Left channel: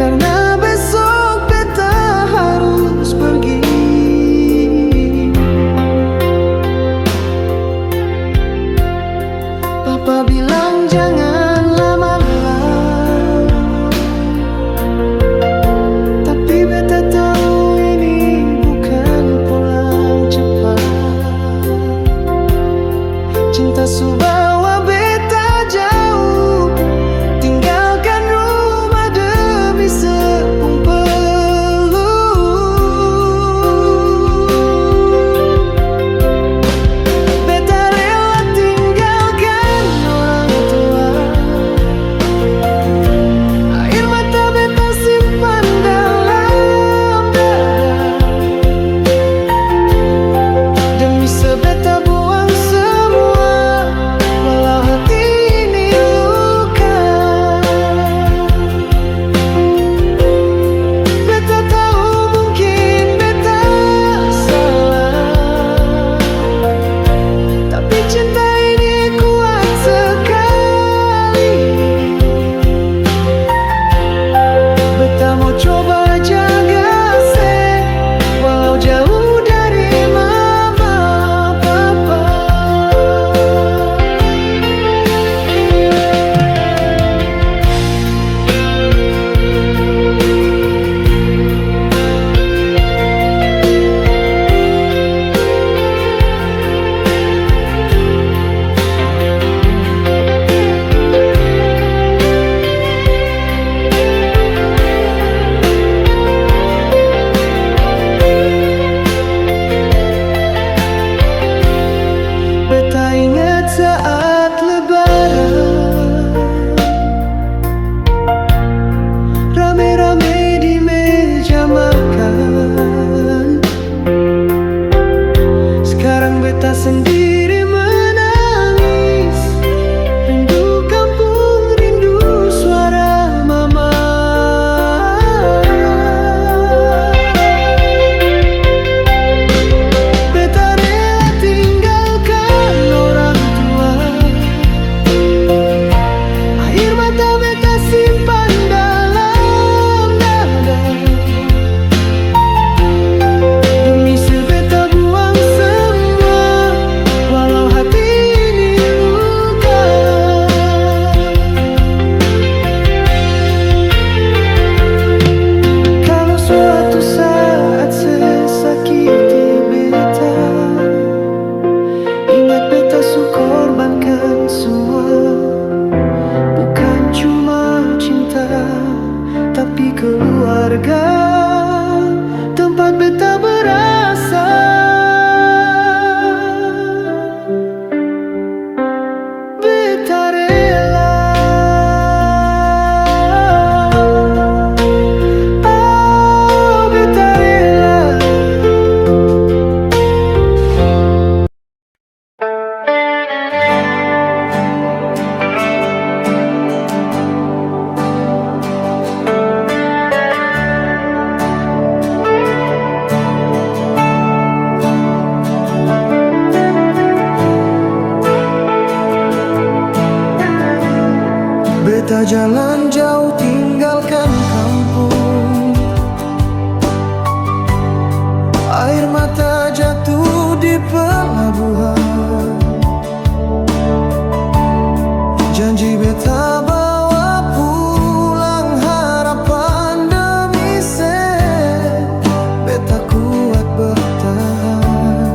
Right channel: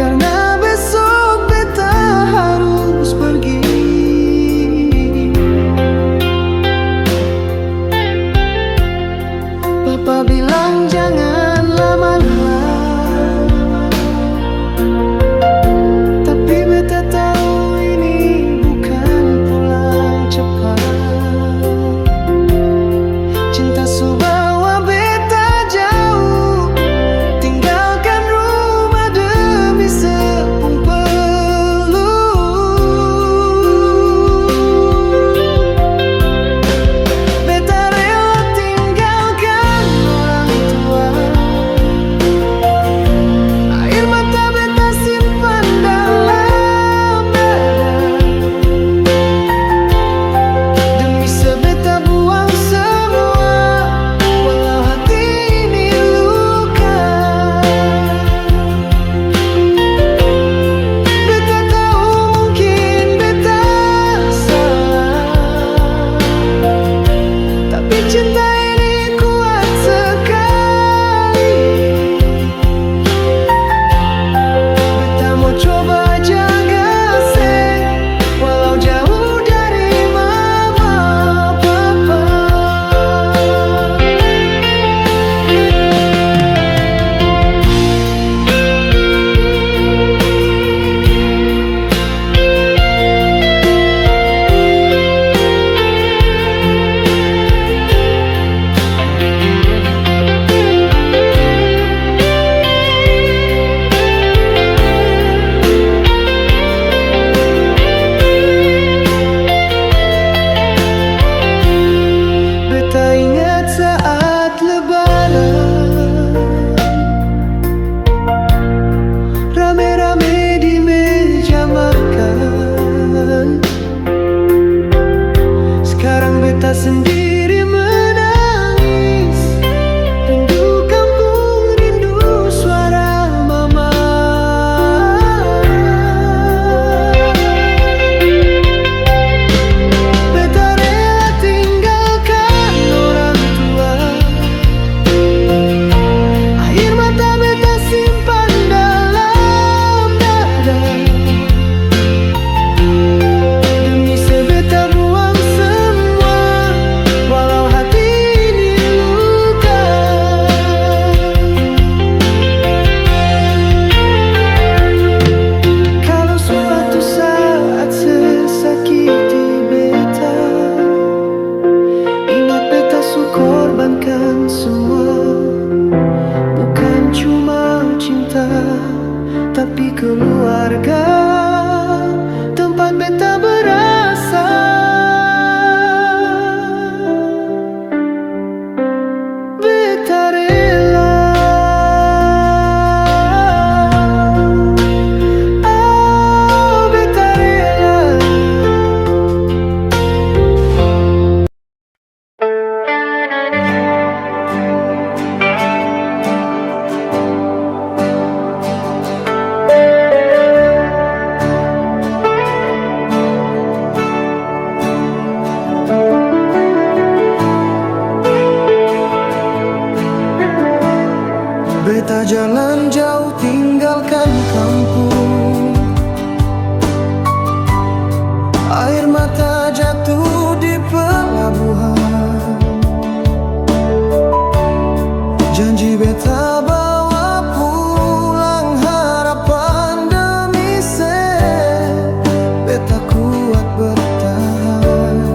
karena besok beta harus pergi. Papa bilang jangan lama-lama, tapi beta tahu ini bukan pulang cepat. Cinta su bawa beta jauh, tinggalkan rumah demi sepung peluk. Beta rela tinggalkan orang tua, air mata beta simpan dalam dada, demi sebeta buang semua, walau hati ini luka. Beta tahu mungkin beta salah, tapi cinta ini kuat sekali. Beta mau coba jaga se, walau jauh dari mama papa. Beta ingat saat lebaran, rame-rame di meja makan. Sekarang beta sendiri menangis, rindu kampung, rindu suara mama. Beta rela tinggalkan orang tua, air mata beta simpan dalam dada, demi sebeta buang semua, walau hati ini luka. Kalau suatu saat sesakiti beta, ingat beta su korbankan semua, bukan cuma cinta, tapi keluarga, tempat beta berasal. Beta rela, oh beta rela. Beta jalan jauh tinggalkan kampung, air mata jatuh di pelabuhan. Janji beta bawa pulang harapan demi se, beta kuat bertahan.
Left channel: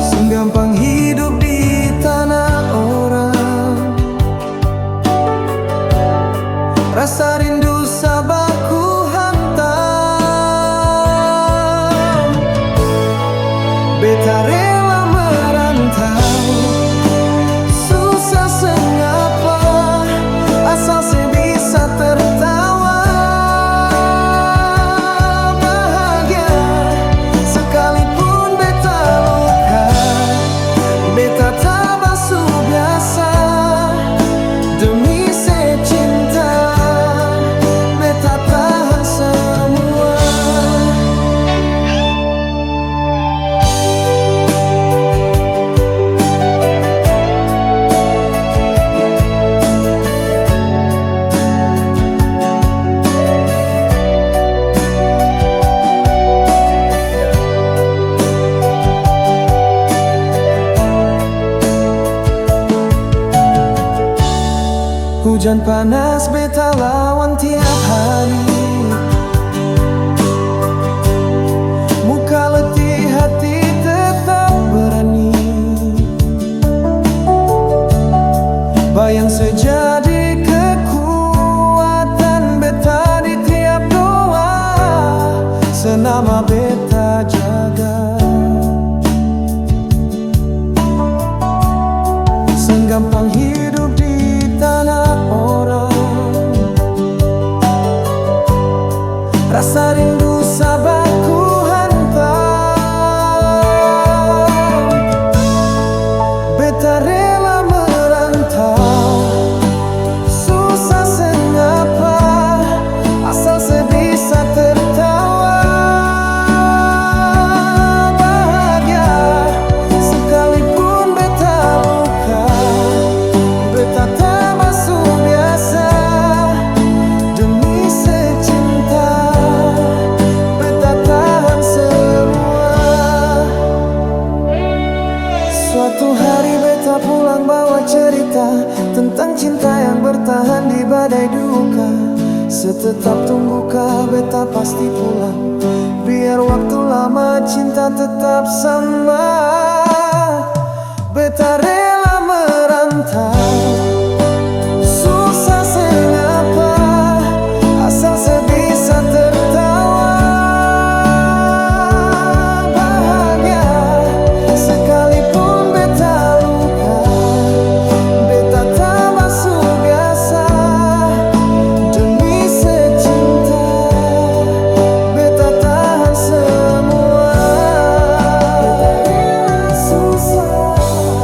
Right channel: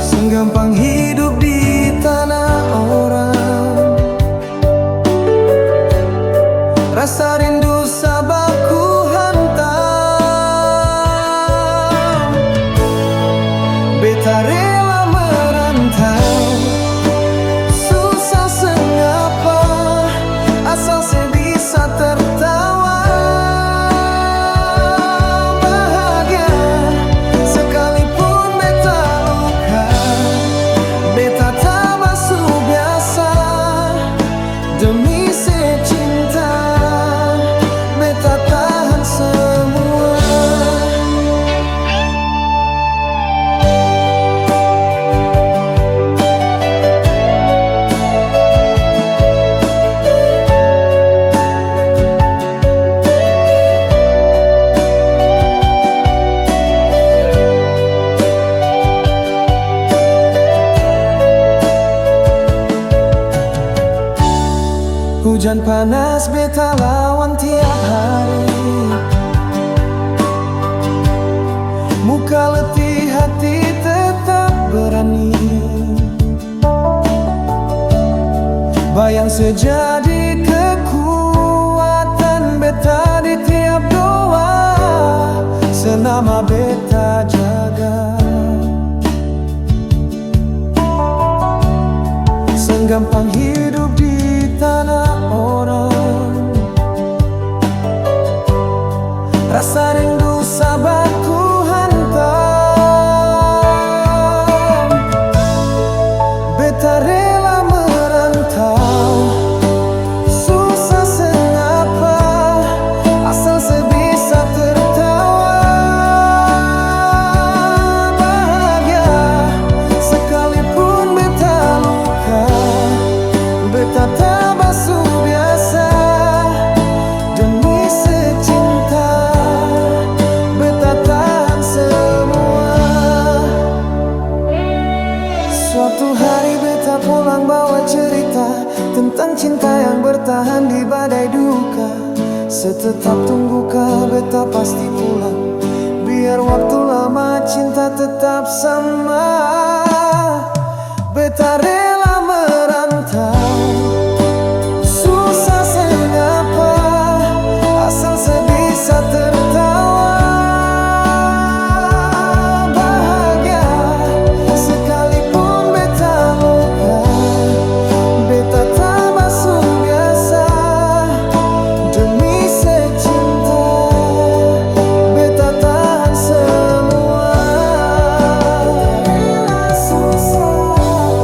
Senggampang hidup di tanah orang, rasa rindu sabaku hantam. Beta rela merantau, susah sengapa, asal saya bisa tertawa. Bahagia sekalipun beta luka, beta tabah su biasa, demi secinta, beta tahan semua. Hujan panas beta lawan tiap hari. Muka letih hati tetap berani. Bayang sejadi kekuatan beta di tiap doa. Senama beta jaga. Senggampang hidup di tanah orang. Rasa rindu sabar ku hantam. Beta rela merantau, susah sengapa, asal sebisa tertawa. Bahagia sekalipun beta luka, beta tak basuh biasa. Demi secinta, beta tahan semua. Suatu hari beta pulang bawa cerita tentang cinta yang bertahan di badai duka. Setetap tungguka beta pasti pulang, biar waktu lama cinta tetap sama. Beta rela merantau, susah sengapa, asal sebisa tertawa. Bahagia sekalipun beta luka, beta tak basuh biasa. Demi secinta, beta tahan semua. Beta rela susah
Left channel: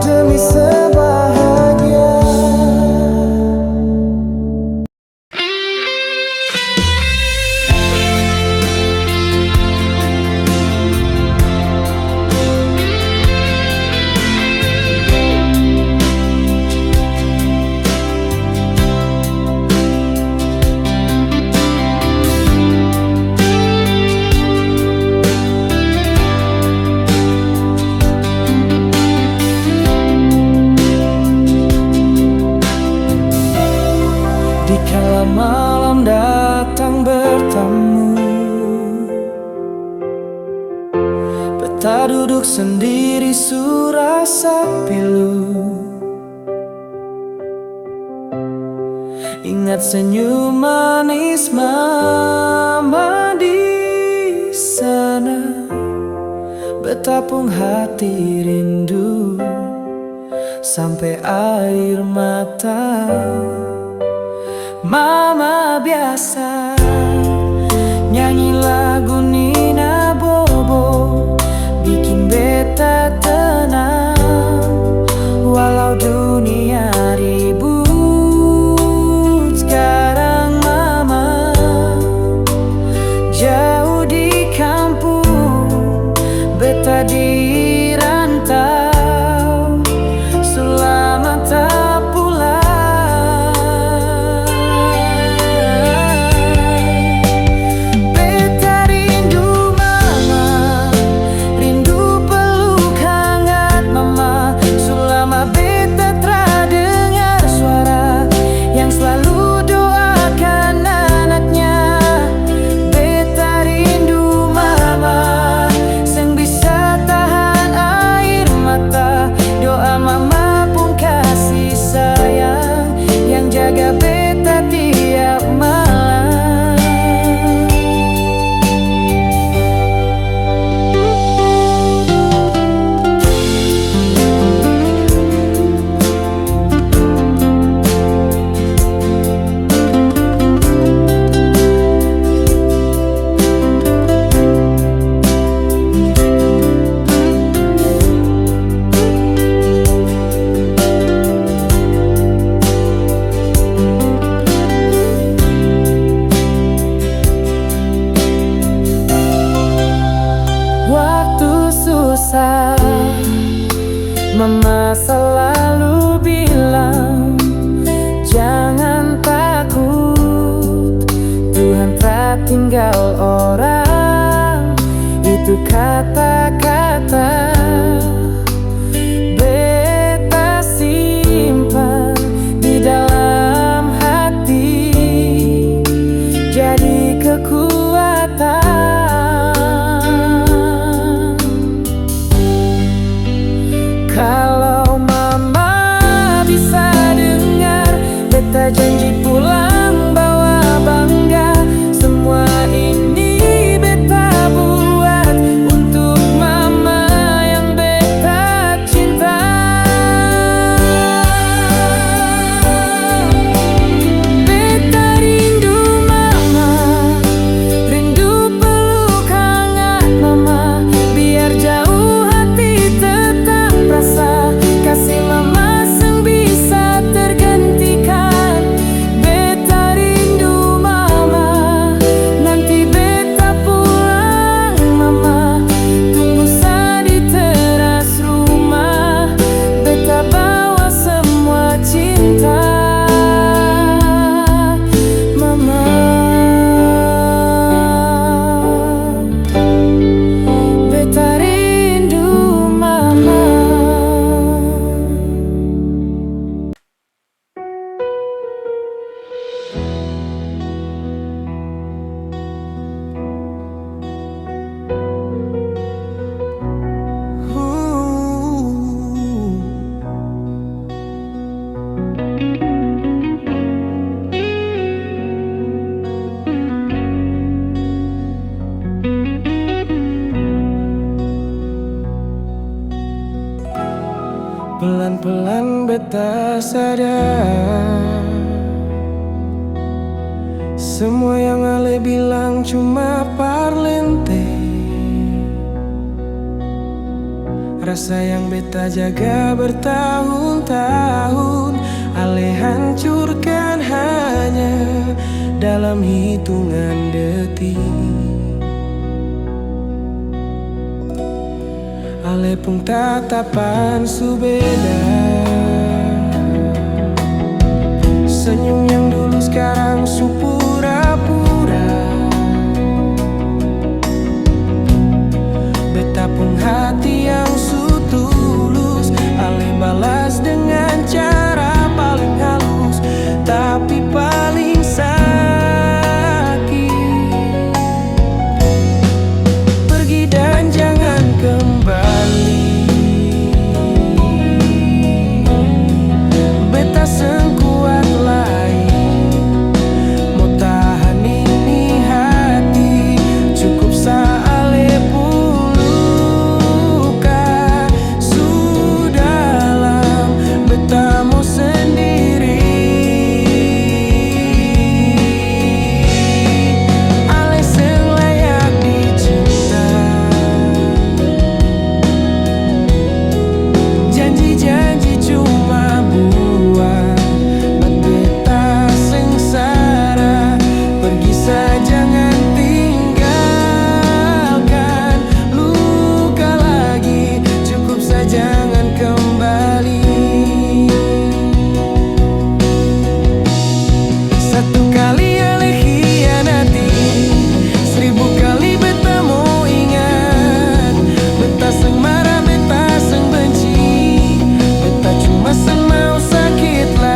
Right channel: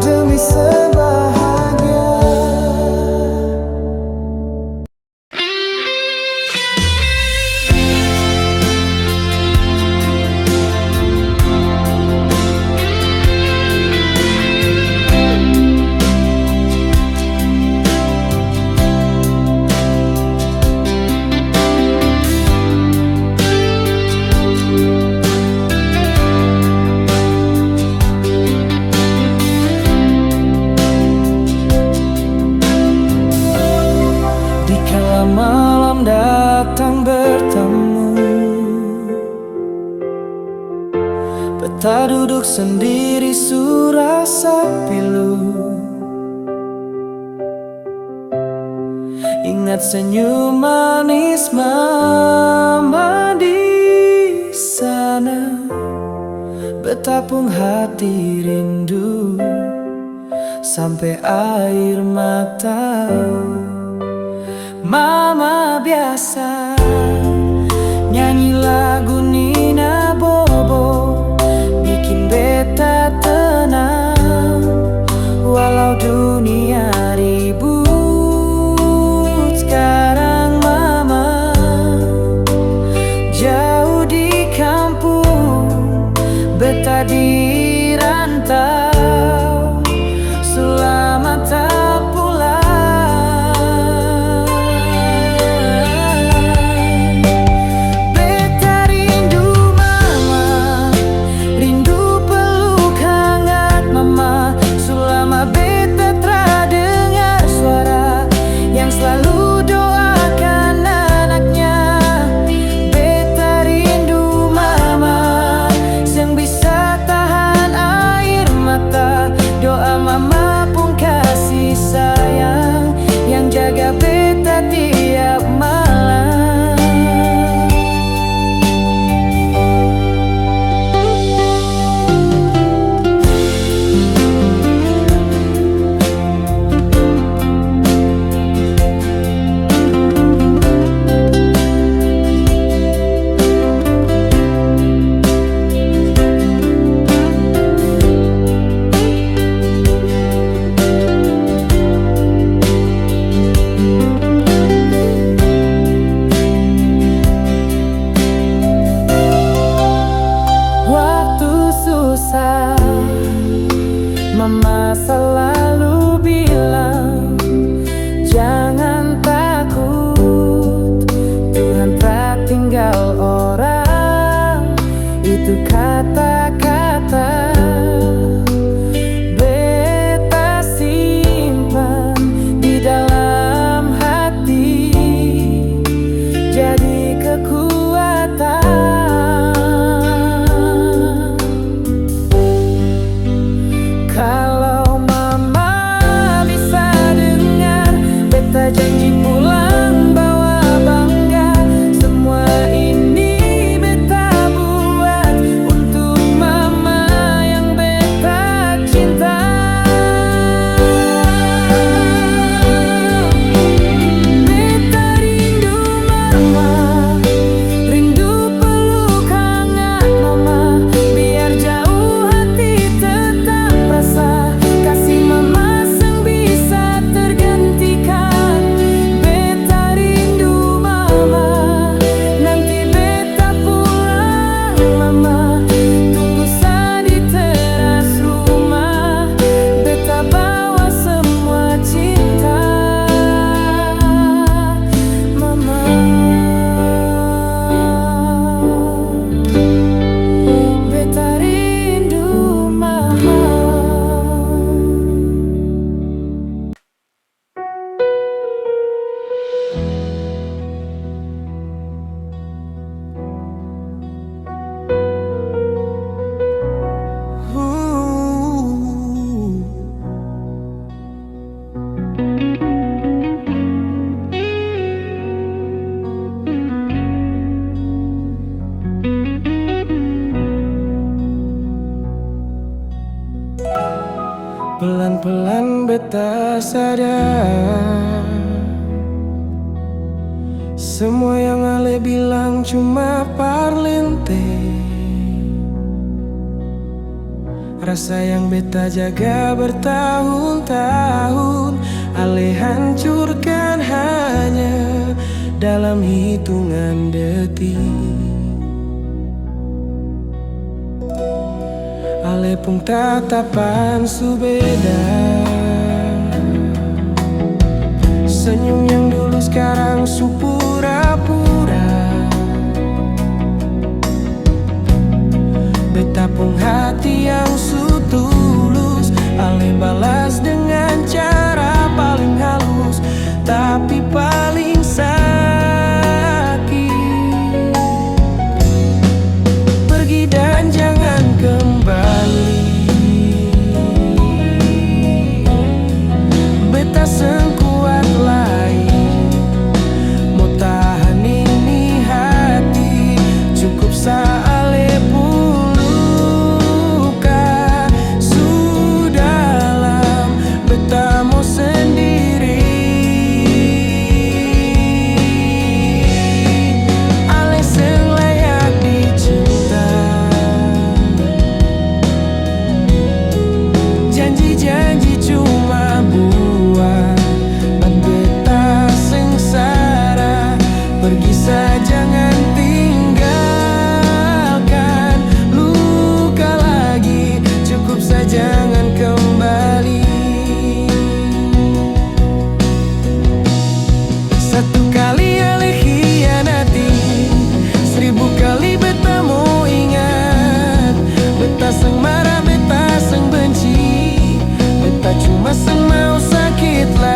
demi sebahagia. Dikala malam datang bertamu, beta duduk sendiri surasa pilu. Ingat senyum manis mama di sana, betapung hati rindu sampai air mata. Mama biasa nyanyi lagu Nina Bobo, bikin beta tenang. Walau dunia ribut, sekarang mama jauh di kampung, beta di rantau, selamat tak pulang. Selama beta tra dengar suara yang selalu doakan anaknya. Beta rindu mama yang bisa tahan air mata. Doa mama pun kasih sayang yang jaga beta tiap malam. Waktu susah, mama selalu bilang, jangan takut, Tuhan tak tinggal orang. Itu kata-kata beta simpan di dalam sadar semua yang Ale bilang cuma parlente. Rasa yang beta jaga bertahun-tahun Ale hancurkan hanya dalam hitungan detik. Ale pun tatapan su beda. Senyum yang dulu sekarang su pura-pura. Beta pun hati yang su tulus Ale balas dengan cara paling halus tapi paling sakit. Pergi dan jangan kembali. Beta sekuat lain mau tahan ini hati. Cukup Ale pun luka sudah beta mau sendiri. Ale seng layak dicinta. Janji-janji cuma buat beta sengsara. Pergi saja jangan tinggalkan luka lagi. Cukup saja jangan kembali. Satu kali Ale khianati, 1000 kali beta mau ingat. Beta seng marah, beta seng benci. Beta cuma seng mau sakit lagi.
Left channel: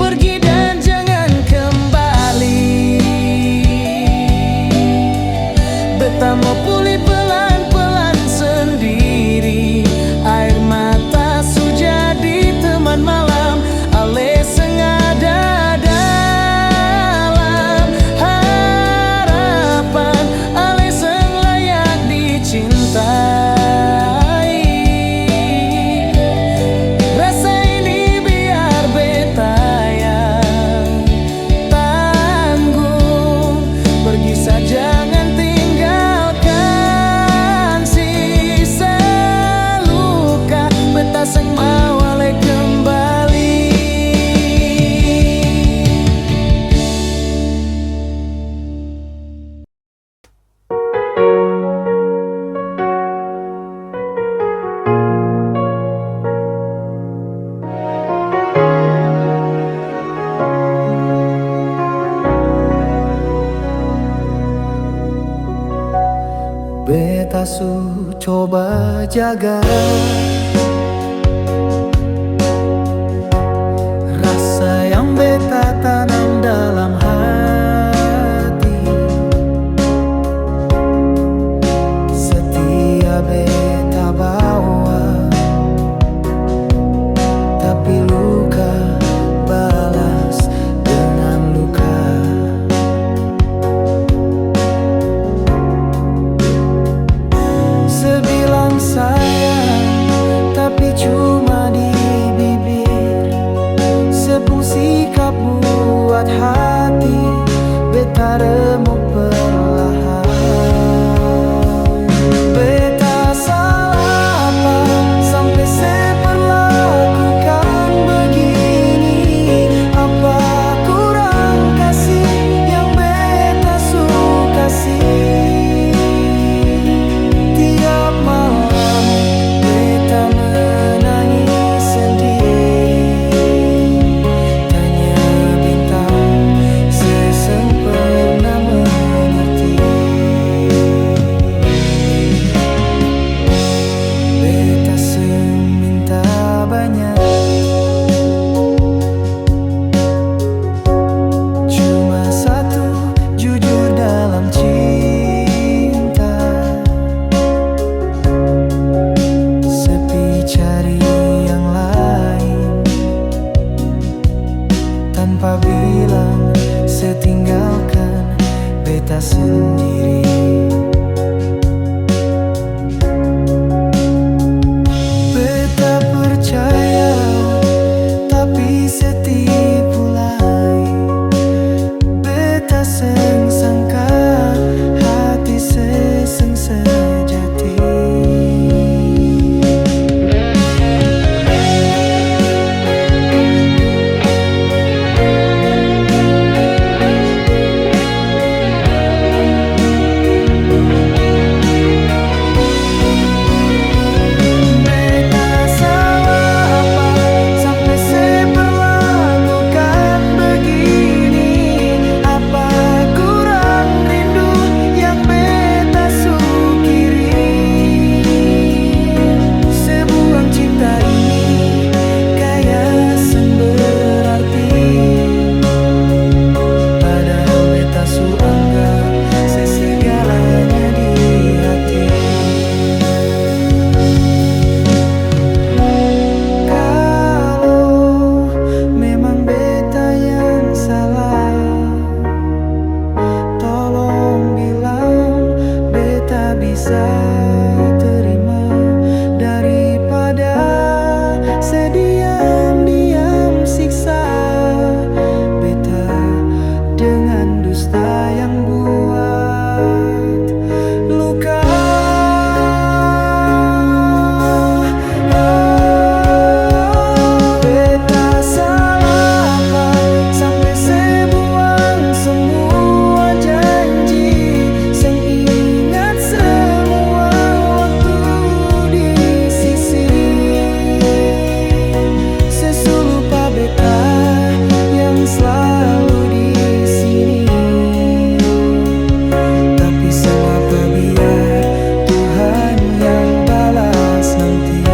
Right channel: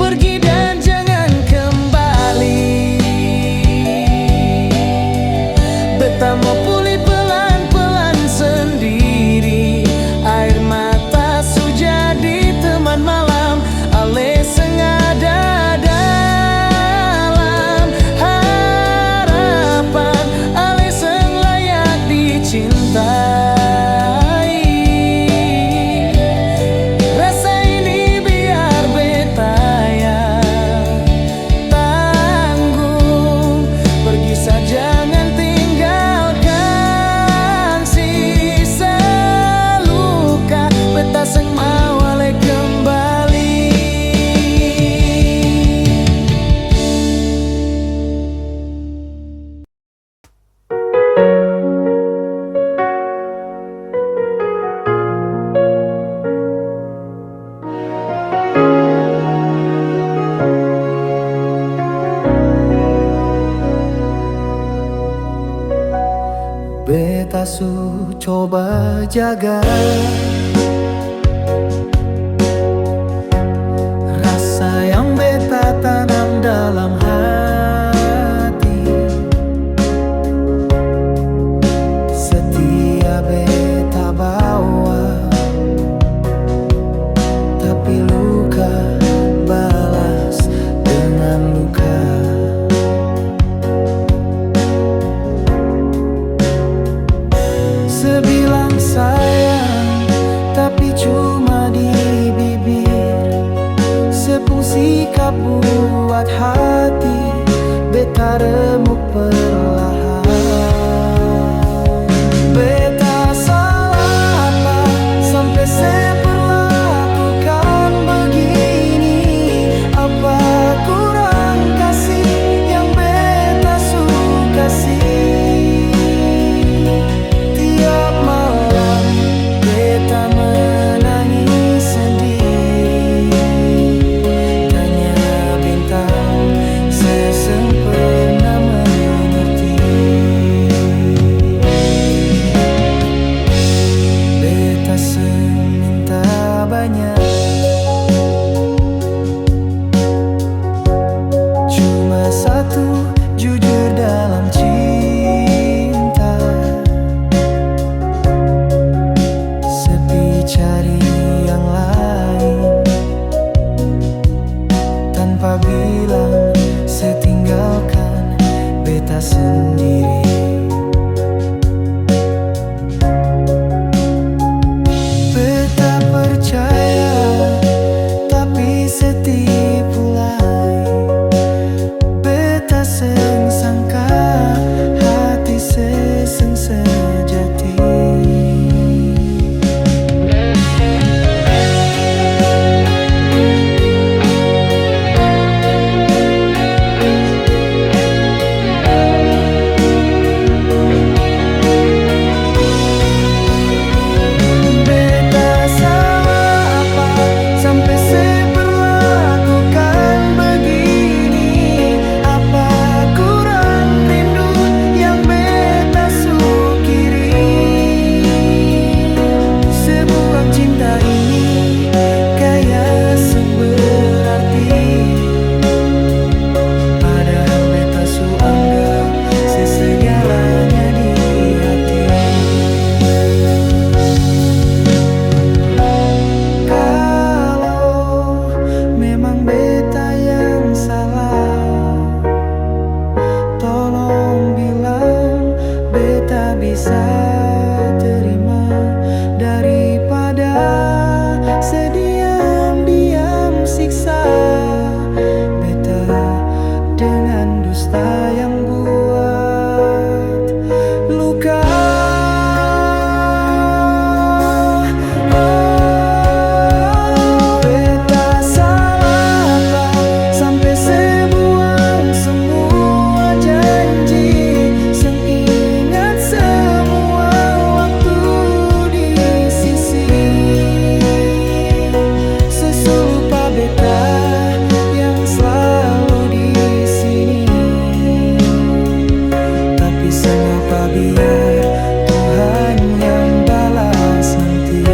Pergi dan jangan kembali. Beta mau pulih pelan-pelan sendiri. Air mata su jadi teman malam. Ale sengaja dalam harapan. Ale seng layak dicintai. Rasa ini biar beta yang tanggung. Pergi saja jangan tinggalkan sisa luka. Beta seng mau Ale kembali. Beta su coba jaga rasa yang beta tanam dalam hati. Setia beta bawa, tapi luka balas dengan luka. Sebilang sayang, tapi cuma di bibir. Sepung sikap buat hati beta remuk perlahan. Beta salah apa sampai seperlakukan begini? Apa kurang kasih yang beta suka kasih? Tiap malam beta menangis sendiri. Tanya bintang, seseng pernah mengerti. Beta beta seminta banyak, cuma satu, jujur dalam cinta. Sepi cari yang lain, tanpa bilang setinggalkan beta sendiri. Beta percaya, tapi setipu lain. Beta seng sangka, hati seseng sejati. Cinta ini kayak seng berarti, padahal beta su anggap sesegalanya di hati. Kalau memang beta yang salah, tolong bilang beta bisa terima, daripada sediam-diam siksa beta dengan dusta yang buat luka. Oh, beta salah apa sampai sebuang semua janji, seng ingat semua waktu di sisi. Sesu lupa beta yang selalu di sini, tapi sengapa biar Tuhan yang balas nanti.